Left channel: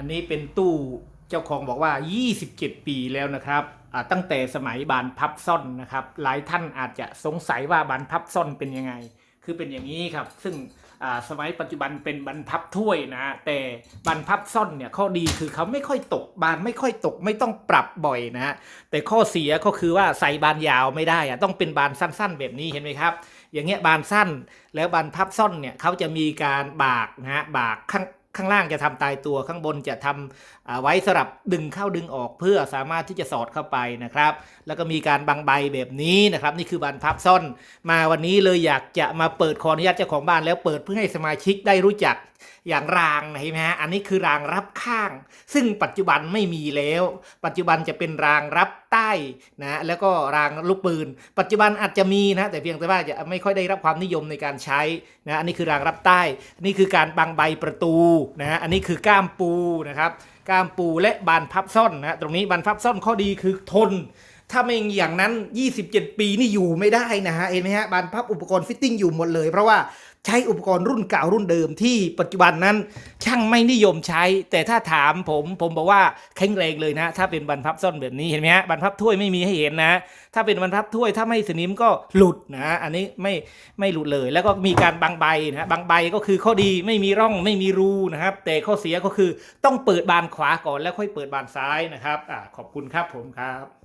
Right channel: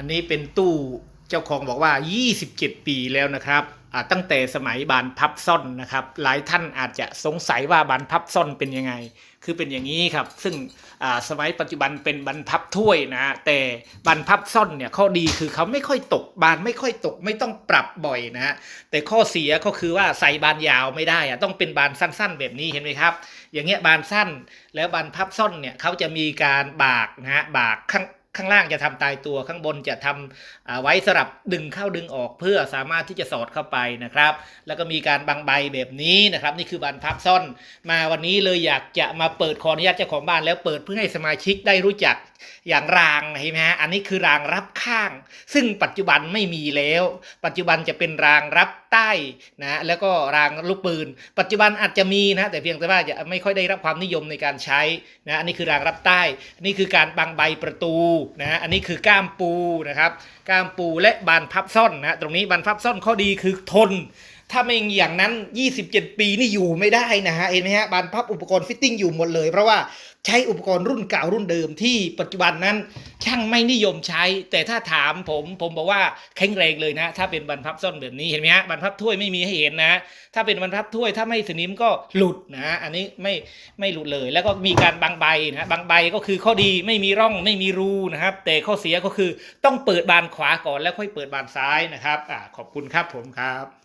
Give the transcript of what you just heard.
อันนี้เป็นตู้เจ้าของบอกว่า 27 ปีแล้วนะครับตั้งแต่สมัยบานพับซ่อนนะครับ หลายท่านอาจจะสงสัยว่าบานพับซ่อนเป็นยังไง คือเป็นอย่างนี้ครับ ซึ่งสมัยปัจจุบันเป็นบรรพับถ้วยนะฮะแต่บรรพับซ่อนเนี่ยข้อดีคือเขาไม่ค่อยตกบานไม่ค่อยตกไม่ต้องปรับบ่อยนะฮะแต่ข้อเสียก็คือว่าใส่บานยาวไม่ได้อะต้องเป็นบานสั้นๆ แบบนี้เห็นไหมครับ อย่างเงี้ยบานสั้นแล้วบานพับซ่อนเนี่ยเขาจะมีการบากนะฮะบากข้าง ข้างล่างจะทำตายตัวข้างบนจะทำอ่าไว้สำหรับดึงเข้าดึงออกเพื่อสามารถที่จะสอดเข้าไปนะครับ แล้วก็มีการบังใบแบบนี้นะครับ นี่คือบานพับซ่อน มาวันนี้เลยอยากจะมาเปิดขออนุญาตเจ้าของบ้านแล้วเปิดเพื่อให้สมาชิกได้รู้จักอย่างรางนะเห็นไหมฮะอันนี้คือรางรับข้าง ซึ่งปัจจุบันไม่มีแล้ว ปัจจุบันจะเป็นรางรับใต้นะแล้วก็รางลูกปืน ปัจจุบันอาจจะมีนะแต่เพียงแต่ว่าจะไม่ค่อยได้รับความนิยมในการใช้นะอันนี้คือรางรับใต้นนี้คือการบังใบประตูนะอันนี้คือก้ามปูนะครับก้ามปูและบานพับซ่อนนะตรงนี้บานพับซ่อนข้อดีคือทน ถ้าไม่อย่างนั้น 27 ปีนี่อยู่ไม่ได้นะฮะ เห็นไหมฮะบานพับอุปกรณ์ฟิตติ้งอยู่หมดเลย เพราะว่าใช้อุปกรณ์รุ่นเก่ารุ่นเดิมที่ปัจจุบันนั้น ช่างไม่นิยมใช้ แต่ถ้าถามผมผมบอกว่าแข็งแรงเลยนะ ถ้าเป็นบรรพับซ่อนแบบนี้เห็นไหมฮะบรรพับถ้วยไม่มีให้เห็นนะ ถ้าเป็นบรรพับถ้วยถ้าไม่สนิมก็หลุดนะ อันนี้ไม่ไม่หลุดเลย แล้วก็มีการบางใบนะบางใบก็คือข้อดีไม่มีร่องไม่มีรูนะครับ แต่ข้อเสียก็คือต้องเปิดบานขวาก่อนแล้วค่อยเปิดบานซ้ายนะครับอ่าขอบคุณครับผมครับ